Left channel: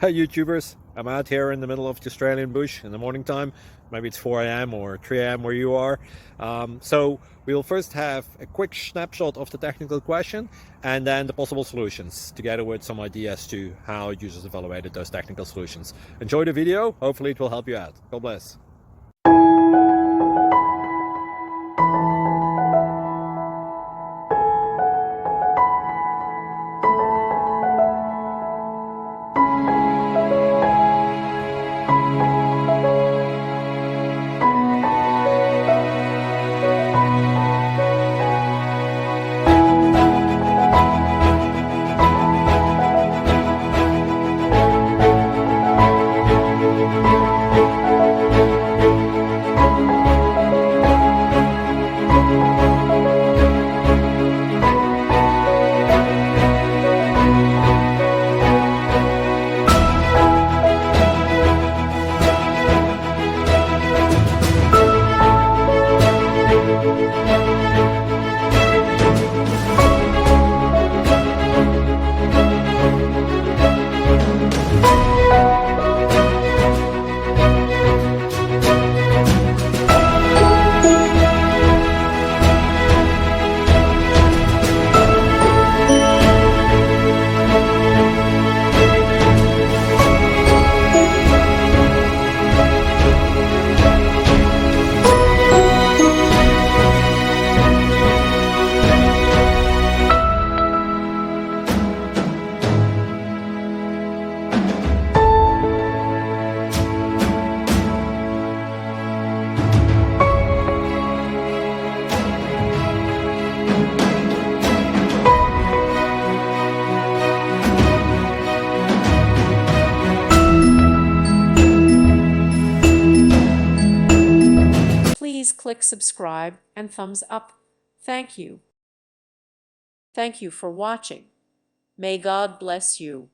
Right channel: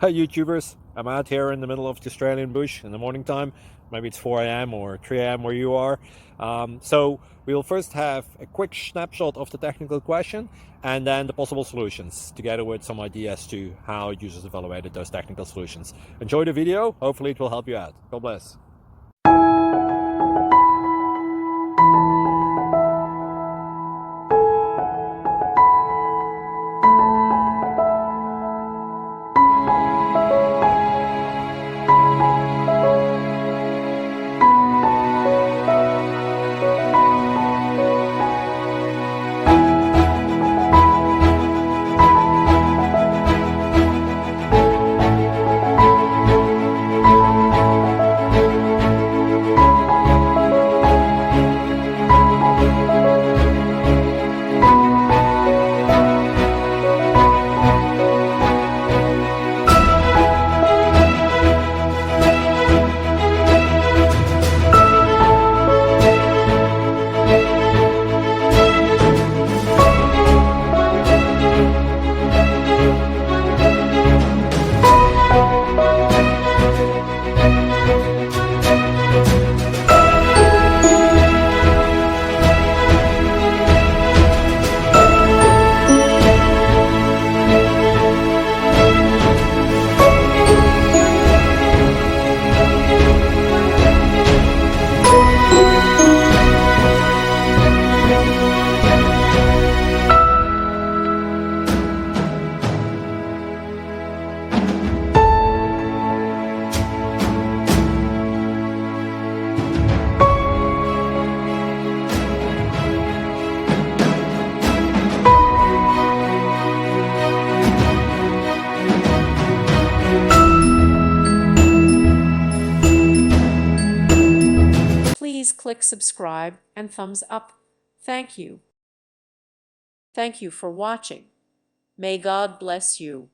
Hey YouTubers, I'm out here in the middle of the Australian bush in the morning time. Maybe it's 4 a.m. or 3 a.m. where you are. So we will first have a quick snapshot of the technical question and then the possible solutions, together with some ideas to how users evaluated those technical solutions. Enjoy the video, hopefully it will help you out. God bless. Please click subscribe and thumbs up. Thank you. Thank you for watching. May God bless you.